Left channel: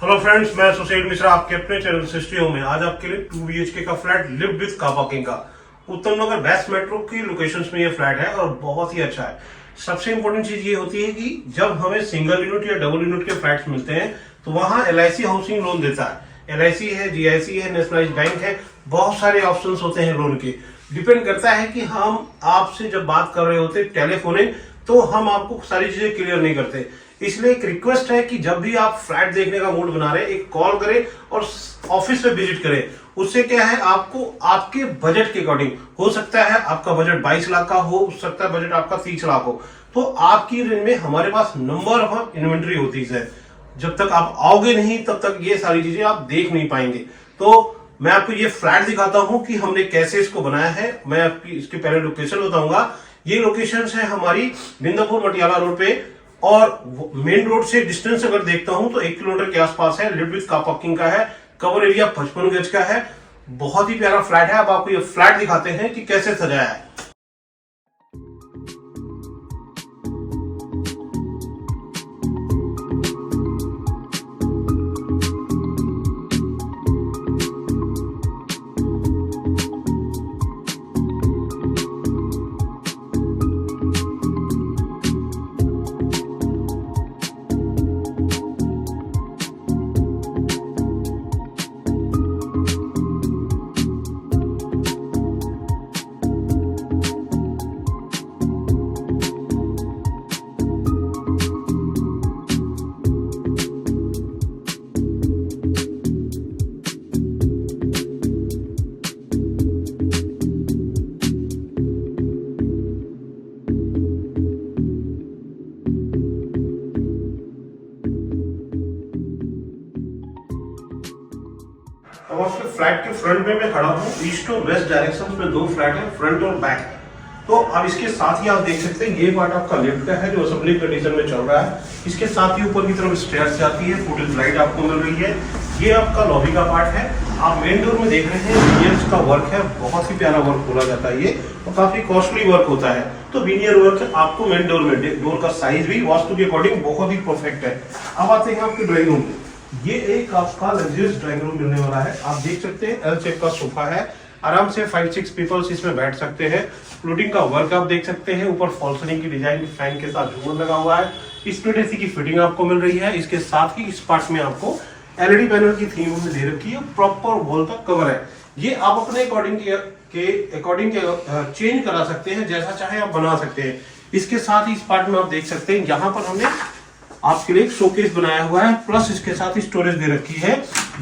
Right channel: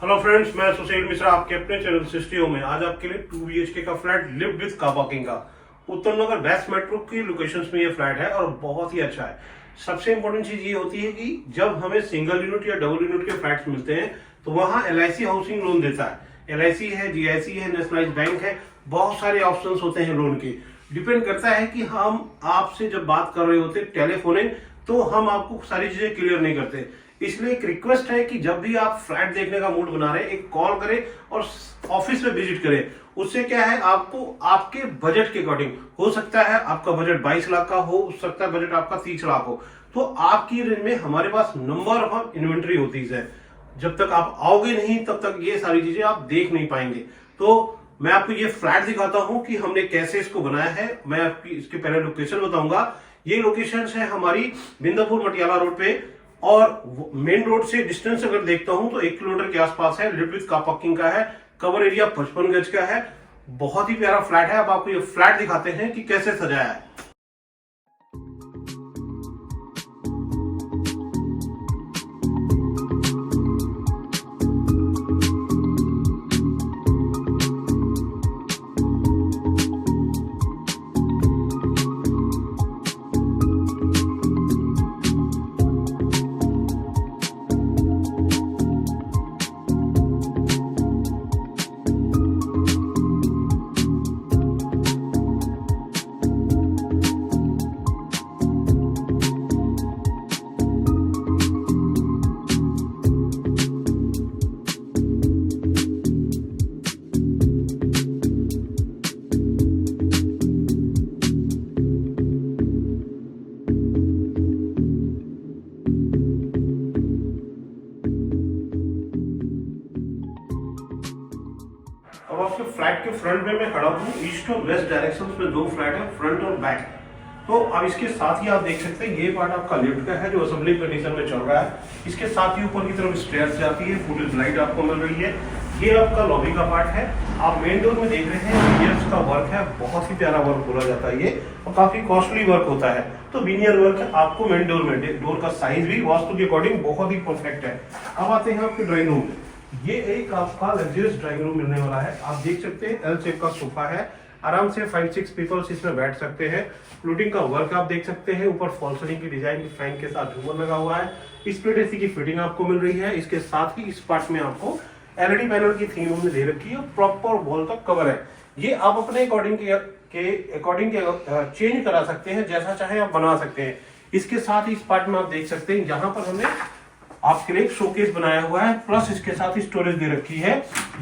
Hello friends, मैं सुशील मिश्रा आपके अपने चैनल सिस्टी में आज आपके लिए 2 BHK का flat lift with car parking का उत्तम नगर वेस्ट मेट्रो की लोकेशंस में ये फ्लैट है और बहुत ही अच्छा है। सबसे इंपॉर्टेंट चीज ये होती है कि जब हमें सिंगल यूनिट या डबल यूनिट के फ्लैट्स मिलते हैं तो वहां LIC हाउसिंग लोन देता है। LIC है, GIC है, नेशनलाइज्ड बैंक है, बहुत सारे ऑप्शन होते हैं लोन के। डिपेंड करता है कि हम आपसे जब बात कर रहे होते टेलीफोनिंग तो हम आपको सारी चीजें क्लियर नहीं करते। इसलिए एक रिक्वेस्ट है कि जब भी आप फ्लैट देखने का मूड बना रहे हैं, एक कॉल करें और ऑफिस में विजिट करें। उससे क्या है, आपको आपके बजट के अकॉर्डिंग, हो सकता है आपका बजट 22 लाख का हो सकता है बजट आपका 30 लाख हो, तो आपकी रेंज में हमारे पास नंबर ऑफ इन्वेंट्री होती है। जब तक आप आओगे नहीं तब तक ये सारी चीजें आप देख नहीं पाएंगे। तो मैं आपको ये फ्लैट दिखाता हूं कि हमने कैसे इसको बनाया है। मैं आपकी इसके पहले लोकेशन बताऊंगा। ये लोकेशन है हमारी बिंदापुर मटियाला रोड पे और मेन रोड से डिस्टेंस अगर देखता हूं तो 1 किलोमीटर के आसपास है। लिफ्ट विद कार पार्किंग का है, कवर एरिया 55 गज का है। बहुत ही प्यारा फ्लैट है। अब आपको ये फ्लैट दिखाते हैं कि कैसे सजाया है। अब आपके फ्लैट के फ्रंट में मैं खड़ा हूँ। ईस्ट और वेस्ट डायरेक्शन में 2 फ्लैट है, फ्रंट और बैक। तो अब इसके साथ ही आप देख सकते हैं ये पार्ट आपका लिफ्ट का है जो असेंबली कंडीशन में चल रहा है। इसके साथ ही ऊपर की तरफ स्टेयर्स जाती है, फुटेज लाइट आपको मिल रही है। ये आपका लॉबी का पार्ट है। आप मेन डोर में देख रहे हैं विनियर्स का वर्क है, बहुत ही प्यारा वर्क बोला जाता है ये, और काफी कॉस्टली वर्क होता है। तो विनियर वर्क आपको मेन डोर में, डोर का साइज भी वास्तु के अकॉर्डिंग बहुत ही परफेक्ट है। अब आते हैं आपके ड्राइंग रूम में। ये एक आपका लग्जरियस ड्राइंग रूम मिलने वाला है। आप देख सकते हैं L शेप का सोफा है, आराम से 5-6 पीपल्स इसमें बैठ सकते हैं। फ्लोटिंग का वर्क आप देख सकते हैं, ऊपर फॉल सीलिंग की डिजाइन फैन के साथ झूमर लगा हुआ है। स्प्लिट AC की फिटिंग आपको मिल रही है। इसके साथ ही इस पार्ट में आपको LED पैनल की थीम में दे रखी है, प्रॉपर वॉल तक कवर है। ये आप अपने अकॉर्डिंग चेंज करा सकते हैं, जैसा चाहे आप बना सकते हैं। इसके साथ ही इस पार्ट में आप देख सकते हैं यहाँ पर हमने आपके लिए एक शोकेस बनाया हुआ है, प्लस इसके साथ ही स्टोरेज दे रखी है।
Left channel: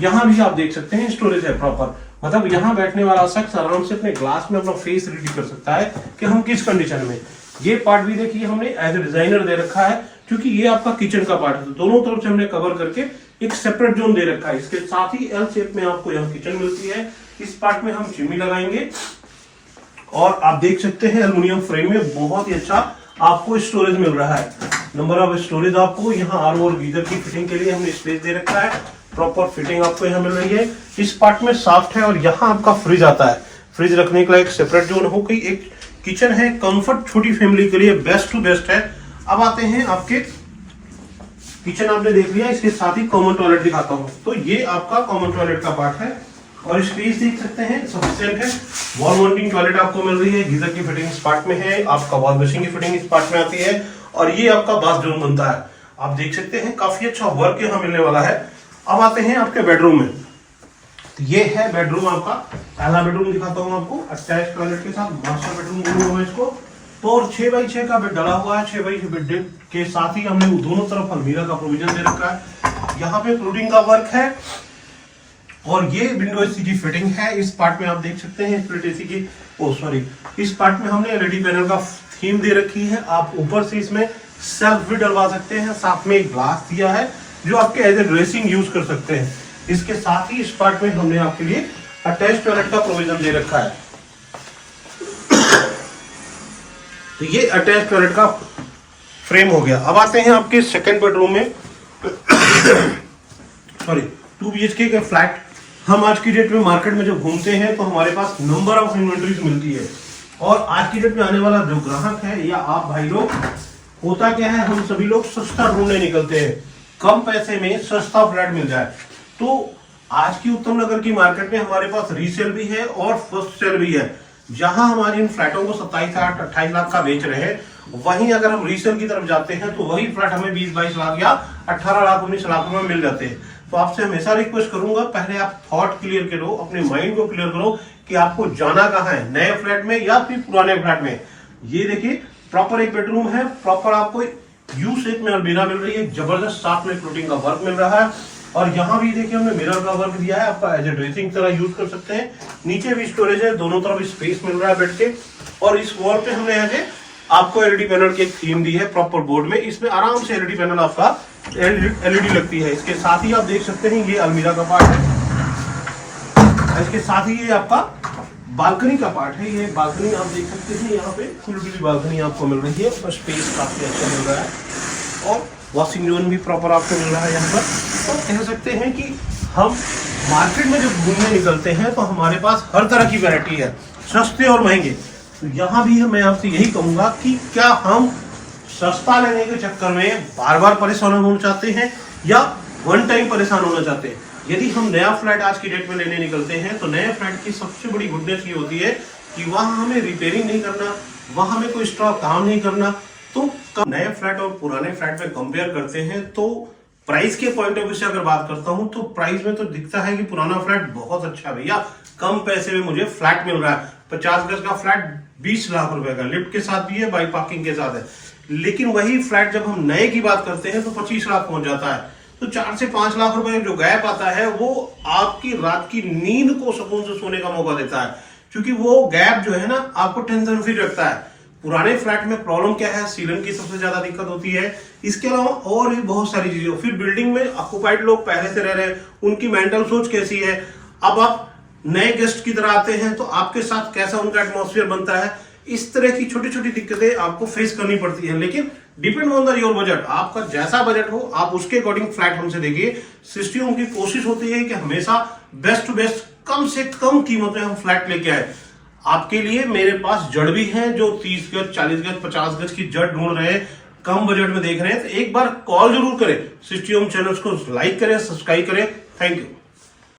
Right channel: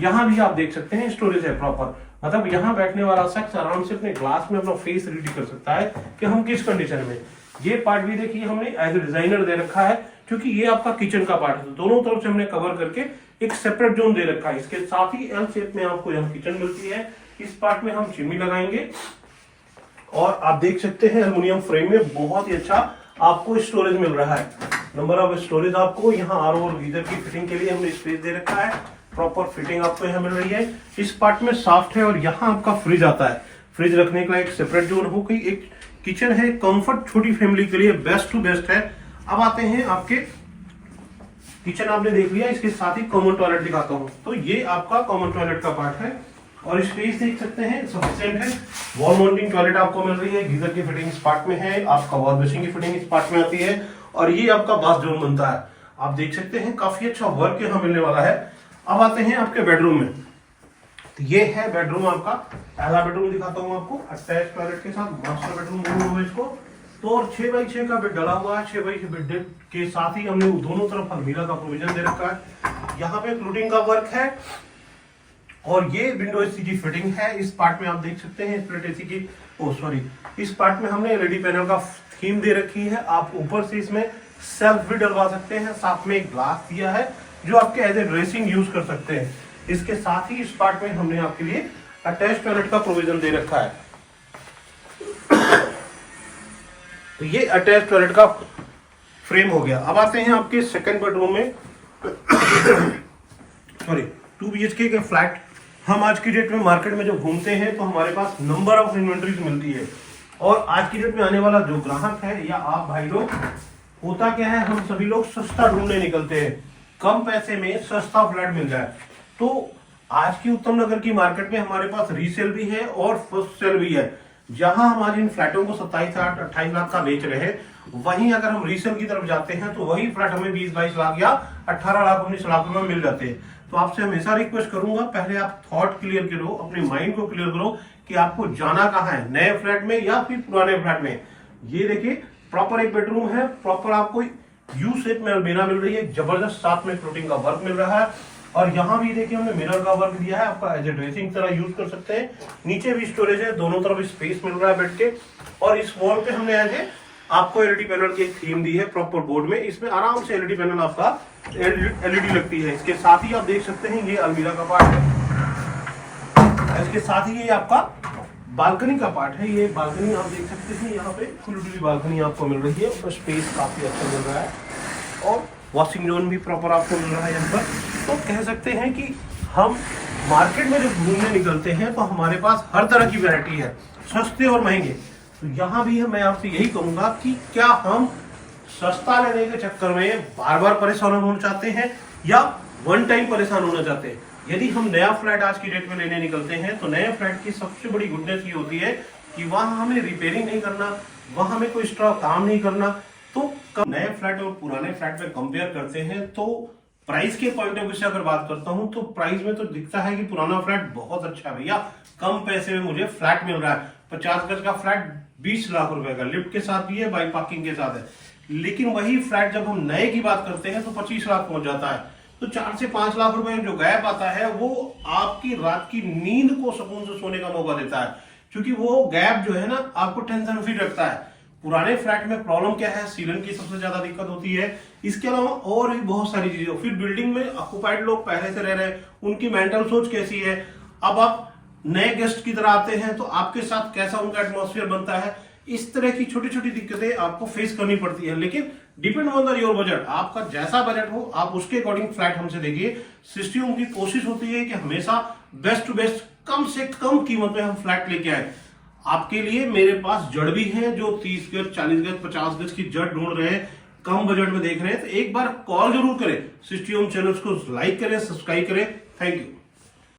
यहाँ भी आप देख सकते हैं स्टोरेज है प्रॉपर, मतलब यहाँ बैठने वाला शख्स आराम से अपने ग्लास में अपना फेस रेडी कर सकता है कि हम किस कंडीशन में। ये पार्ट भी देखिए हमने एज ए डिजाइनर दे रखा है, क्योंकि ये आपका किचन का पार्ट है। दोनों तरफ से हमने कवर करके एक सेपरेट जोन दे रखा है। इसके साथ ही L शेप में आपको यहाँ किचन मिलती है। इस पार्ट में हम चिमनी लगाएंगे और आप देख सकते हैं एल्युमिनियम फ्रेम में बहुत ही अच्छा आपको स्टोरेज मिल रहा है। नंबर ऑफ स्टोरेज आपको यहाँ RO और गीजर की फिटिंग के लिए हमने स्पेस दे रखा है। प्रॉपर फिटिंग आपको यहाँ मिल रही है। इस पार्ट में साफ्ट है और यहाँ आपका फ्रिज आता है। फ्रिज रखने के लिए एक सेपरेट जोन हो गई। एक किचन है, कंफर्ट छोटी फैमिली के लिए बेस्ट टू बेस्ट है। अब आते हैं आपके किचन, आपने देख लिया। इसके साथ ही कॉमन टॉयलेट दिखाता हूँ। तो ये आपका कॉमन टॉयलेट का पार्ट है और स्पेस देख सकते हैं सफिशिएंट है। वॉल माउंटिंग टॉयलेट आपको मिल रही है। गीजर की फिटिंग इस पार्ट में है, आपका वॉश बेसिन की फिटिंग इस पार्ट में आती है और ये आपका बाथ जोन बनता है। आप देख सकते हैं काफी अच्छा वर्क यहाँ मिलने वाला है। अब आते हैं आपके बेडरूम में। तो ये है बेडरूम आपका, पहला बेडरूम दिखाता हूँ आपको, अटैच टॉयलेट के साथ मास्टर बेडरूम बोलूंगा इसको। तो और 6x6 का बेड डाला हुआ है। 6x6 बेड के साथ ही हमने दोनों तरफ अलमीरा का प्रोविजन दे रखा है। यहाँ पे फ्लोटिंग का वर्क है और ये विंडो AC की फिटिंग है। इस पार्ट में आप देख सकते हैं स्प्लिट AC की, इस पार्ट में हमने LED पैनल का थीम दे रखी है। आप ऊपर से इसमें सेल्फ भी डलवा सकते हैं। साथ में एक ग्लास दिया है जो आपके एज ए ड्रेसिंग यूज कर सकते हैं। इसके साथ ही इस पार्ट में हमने आपके लिए अटैच टॉयलेट का प्रोविजन दे रखा है। तो ये अटैच टॉयलेट का फ्रेम हो गया। अब आते हैं आपके सेकंड बेडरूम में। 2 BHK के फ्लैट। हम आज की डेट में मार्केट में जब घूमते हैं तो हमारे पास नंबर ऑफ इन्वेंट्रीज मिलती है और आज की डेट में आने वाला जो ग्राहक है या आप भाई लोग, होता क्या है, हम सभी लोग सस्ता ढूंढने निकलते हैं। कम पैसे में सस्ता फ्लैट मिल जाए। तो आज की उत्तम नगर की मार्केट में हमारे पास रीसेल भी है और फर्स्ट सेल भी है। जहां हमारे इन फ्लैटों को 27 लाख 28 लाख का बेच रहे हैं, वहीं अगर हम रीसेल की तरफ जाते हैं तो वही फ्लैट हमें 20-22 लाख या 18 लाख 19 लाख रुपए में मिल जाते हैं। तो आपसे हमेशा रिक्वेस्ट करूंगा, पहले आप थॉट क्लियर करो, अपने माइंड को क्लियर करो कि आपको जाना कहाँ है, नए फ्लैट में या फिर पुराने फ्लैट में। ये देखिए प्रॉपर एक बेडरूम है, प्रॉपर आपको यू शेप में अलमीरा मिल रही है, जबरदस्त साथ में फ्लोटिंग का वर्क मिल रहा है। और यहाँ भी देखिए हमने मिरर का वर्क दिया है, आपका एज ए ड्रेसिंग तरह यूज कर सकते हैं। नीचे भी स्टोरेज है, दोनों तरफ स्पेस मिल रहा है बेड के। और इस वॉल पे हमने एज ए आपको एलईडी पैनल की एक थीम दी है प्रॉपर बोर्ड में, इसमें आराम से एलईडी पैनल आपका एलईडी लगती है। इसके साथ ही आप देख सकते हैं ये अलमीरा का पार्ट है, इसके साथ ही ये आपका बालकनी का पार्ट है। ये बालकनी आप देख सकते हैं, यहाँ पे खुली बालकनी आपको मिल रही है, बस स्पेस काफी अच्छा मिल रहा है और वॉशिंग जोन भी प्रॉपर आपको मिल रहा है यहाँ पर। तो कह सकते हैं कि हम मार्केट में जब घूमने निकलते हैं तो हमारे पास हर तरह की वैरायटी है, सस्ते और महंगे। तो यहाँ भी मैं आपसे यही कहूंगा कि क्या हम सस्ता लेने के चक्कर में बार बार परेशान होना चाहते हैं या वन टाइम परेशान होना चाहते हैं। यदि हम नया फ्लैट आज की डेट में लेने निकलते हैं तो नए फ्लैट की सबसे बड़ी गुडनेस ये होती है कि वहां हमें रिपेयरिंग नहीं करना, वहां हमें कोई एक्स्ट्रा काम नहीं करना। तो नए फ्लैट और पुराने फ्लैट में कंपेयर करते हैं तो प्राइस के पॉइंट ऑफ व्यू से अगर बात करता हूं तो प्राइस में तो दिखता है कि पुराना फ्लैट बहुत अच्छा है भैया, कम पैसे में मुझे फ्लैट मिल रहा है। 50 गज का फ्लैट 20 लाख रुपए का, लिफ्ट के साथ भी है, बाइक पार्किंग के साथ है। लेकिन वही फ्लैट जब हम नए की बात करते हैं तो 25 लाख पहुंच जाता है। तो 4 से 5 लाख रुपए जो गैप आता है वो आपकी रात की नींद को सुकून से सोने का मौका देता है, क्योंकि वो गैप जो है ना आपको टेंशन फ्री रखता है। पुराने फ्लैट में प्रॉब्लम क्या है, सीलन की सबसे ज्यादा दिक्कत होती है, इसके अलावा और भी बहुत सारी चीजें। फिर बिल्डिंग में ऑक्युपाइड लोग पहले से रह रहे हैं, उनकी मेंटल सोच कैसी है, अब आप नए गेस्ट की तरह आते हैं तो आपके साथ कैसा उनका एटमॉस्फेयर बनता है, इस तरह की छोटी छोटी दिक्कतें आपको फेस करनी पड़ती है। लेकिन depend on the your budget, आपका जैसा बजट हो आप उसके अकॉर्डिंग फ्लैट हमसे देखिए। सिस्टम की कोशिश होती है कि हमेशा बेस्ट टू बेस्ट कम से कम कीमत में हम फ्लैट लेके आए। आपके लिए मेरे पास जड़ भी हैं जो 30 गज 40 गज 50 गज की जड़ ढूंढ रहे हैं, कम बजट में देख रहे हैं, तो एक बार कॉल जरूर करें। सिस्टम चैनल्स को लाइक करें, सब्सक्राइब करें। Thank you.